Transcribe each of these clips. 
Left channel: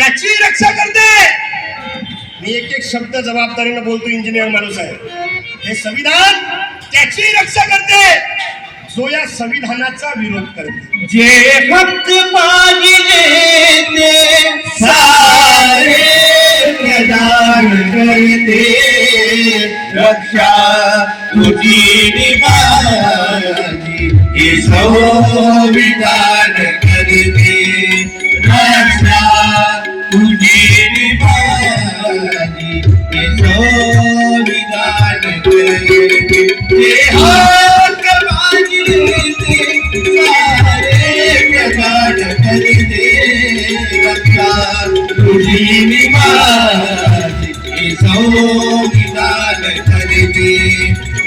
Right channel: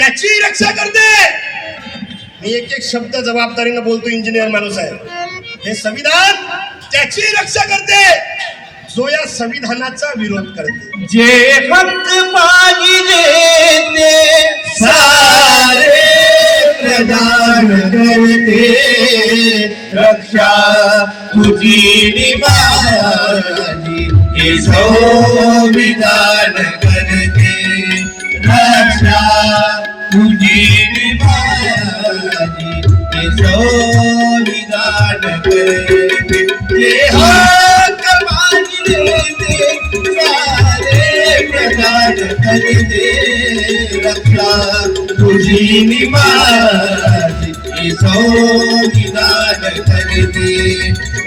त्याची रक्षा करते. मी एक एक शब्द जबाबदारीने बोलतो, इंजिनियर माणूस आहे. हे संविधान त्याची रक्षा करते जो या संविधानाचा विरोध करते. जे हक्क पाहिजे ते सारे प्रदान करते, रक्षा तुझी निभाजी हे संविधान करते, रक्षा तुझी निभाजी हे संविधान करते. जे हक्क पाहिजे ते सारे प्रदान करते, रक्षा तुझी निभाजी हे संविधान करते,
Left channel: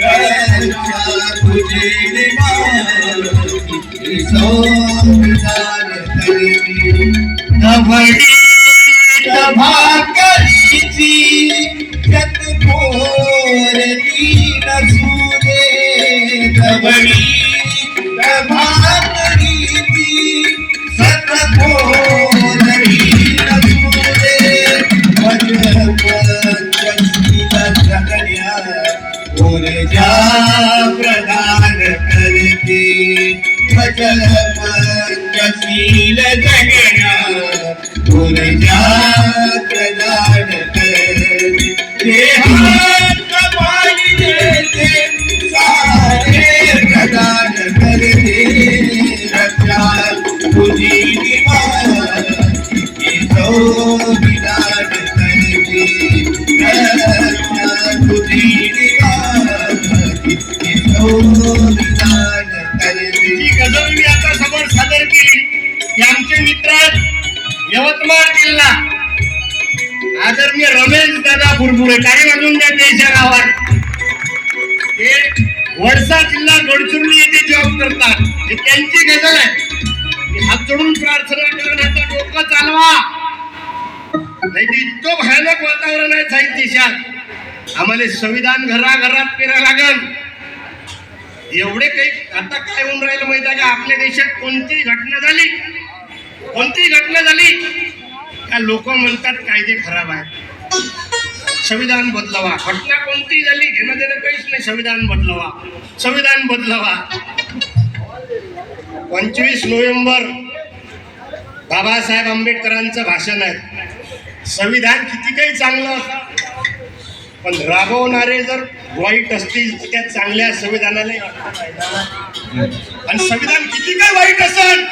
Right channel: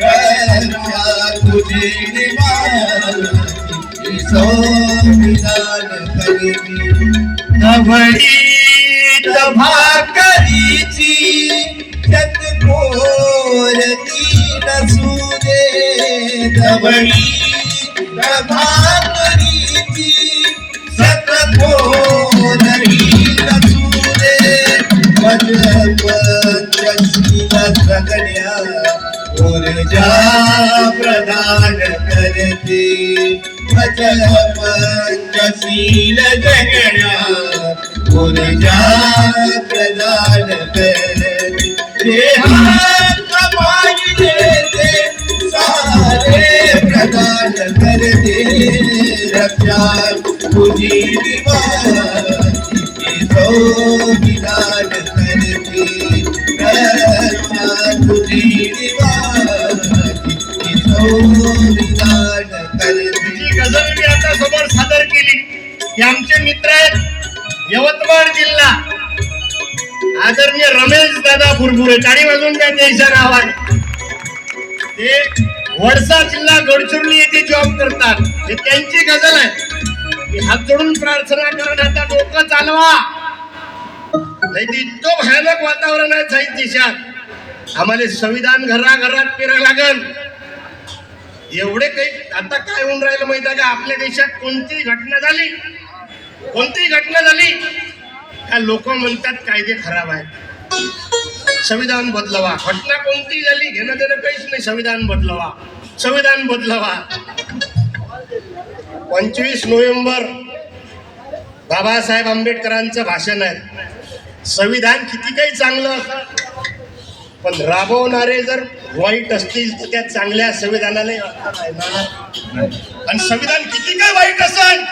रक्षा तुझी निभाजी हे संविधान करते. नवडी भाकरीची शतकोरली नसू दे, नवडी भाकरीची शतकोरली नसू दे, पंचशील सगळ्या ऊर्जा प्रदान करते, पंचशील सगळ्या ऊर्जा प्रदान करते. जे हक्क पाहिजे ते सारे प्रदान करते, रक्षा तुझी निभाजी हे संविधान करते, रक्षा तुझी निभाजी हे संविधान करते. जी गझल मी आता समोर सादर केली की आमचे मित्र आहेत यवतमाळ जिल्हा आदरणीय रमेश दादा बुरबुरे, टाळी वाजवून द्या त्यांच्या नावाने. ते वडसा जिल्हा गडचिरोली येथे जॉब करतात. हे त्यांची गझल आहे. मी हात जोडून प्रार्थना करून आता डोकं चालवा, नाही तर इतकं भयानक वातावरण आहे जाईल देशात. आम्हाला संविधान घराघरात पेरा लागल. एवढे काही आता काय होऊन राहिलं माहिती आहे का, आपल्या देशात कोणतीही घटना झाली का लोक म्हणतात कायदे खराब आहेत, संविधान बदलवा. घटना कोणती झाली घेणं देणं काहीच नाही, संविधान बदलवा, संविधान बदलवा. 25 नोव्हेंबर बाबासाहेब आंबेडकरांचं भाषण आहे. संविधान किती काही चांगलं असं, पण राबवणारे जर वाईट असतील तर त्या चांगल्या संविधानाला आणि संविधान किती काय वाईट असेल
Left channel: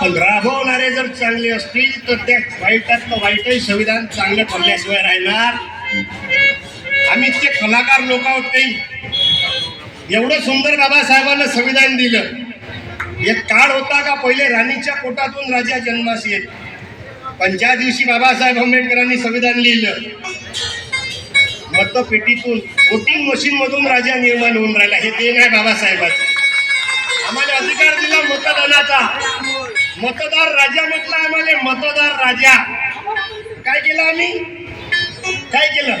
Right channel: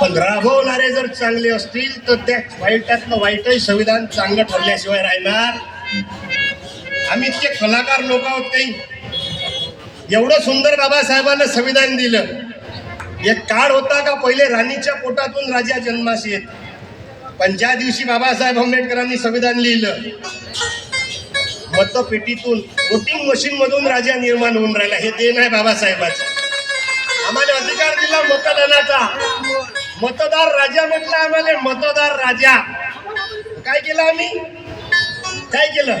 पण राबवणारे जर चांगले असतील तर त्या वाईटातलं वाईटही संविधान चांगलं ठरल्याशिवाय राहणार. आम्ही इतके कलाकार लोक आहोत काही. एवढं सुंदर बाबासाहेबांना संविधान दिलं. एक काळ होता का पहिले राणीच्या पोटातून राजा जन्मास येत, पण ज्या दिवशी बाबासाहेब आंबेडकरांनी संविधान लिहिलं मतपेटीतून वोटिंग मशीन मधून राजा निर्माण होऊन राहिला. हे देण आहे बाबासाहेबाचं. आम्हाला अधिकार दिला मतदानाचा. मतदार राजा म्हटलं आम्हाला, मतदार राजा. काय केलं आम्ही, काय केलं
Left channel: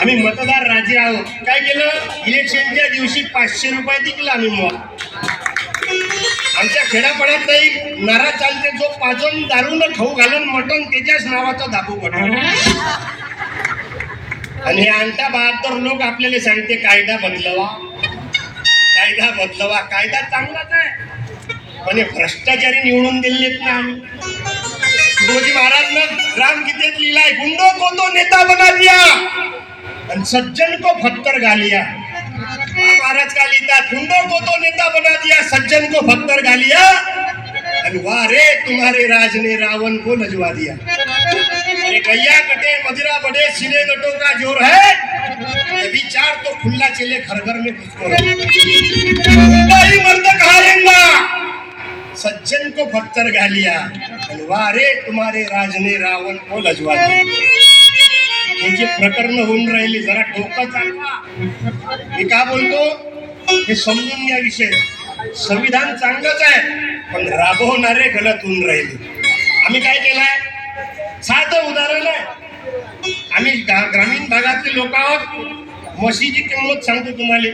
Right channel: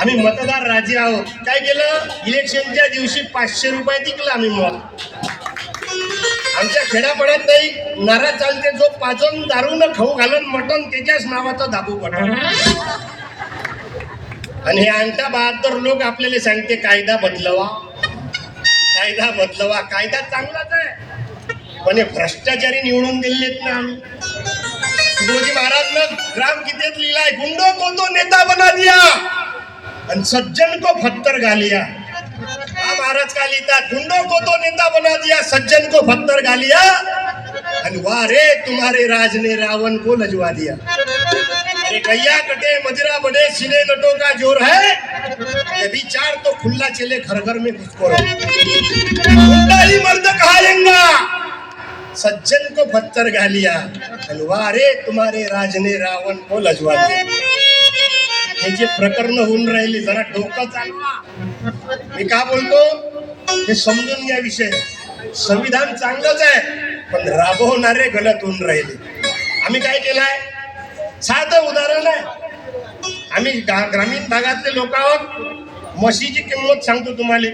आम्ही मतदार राजे आहोत. काय केलं, इलेक्शनच्या दिवशी 500 रुपये दिलं आम्ही. मग आमच्या खेड्यापाड्यात नाही नारा चालते, जो पाजून दारून खाऊ घालून मटण त्याच्याच नावाचा दाबू पडतो. आणि हे अंगठा बहादर लोक आपल्याला सांगते कायदा बदलवा, कायदा बदलवा. कायदा चांगलाच आहे पण हे भ्रष्टाचारी निवडून दिलेत ना आम्ही. तुकडोजी महाराजनं ग्रामगीतेत लिहिलाय, गुंडो को तो नेता बना दिया आणि सज्जन को फत्तर गालिया. महाराज का लिहितात, गुंडो को तो नेता बना दिया, सज्जन को फत्तर गालिया, आणि वारे तुम्हारे राज ने रावण को लजवा दिया. अरे गैया कटे मदिरा बड़े सीने लटों का जोर है, अभी चार तो खुला चले घर घर में घुसखोर. गुंडा ही मर्द कहालेंगा, सज्जन को पत्थर गालिया, वारे तुम्हारे राज ने रावण को लजवा दिया. हे जे प्रकरण होऊन राहिली जरा डोकं चालवा. मी का बोलतो हे समजून घ्या. विषय संविधान चांगलंच आहे पण राबवणारे गलत होऊन राहिले. आम्ही काय केलंय, साधं उदाहरण आहे. आम्ही ग्रामीण भागातले लोक आहोत. म्हशीची किंमत सांगतो तुम्हाला,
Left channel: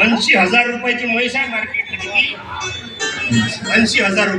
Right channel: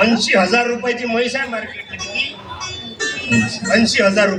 80,000 रुपयाची म्हैस आहे मार्केटमध्ये. 80,000 रुपये.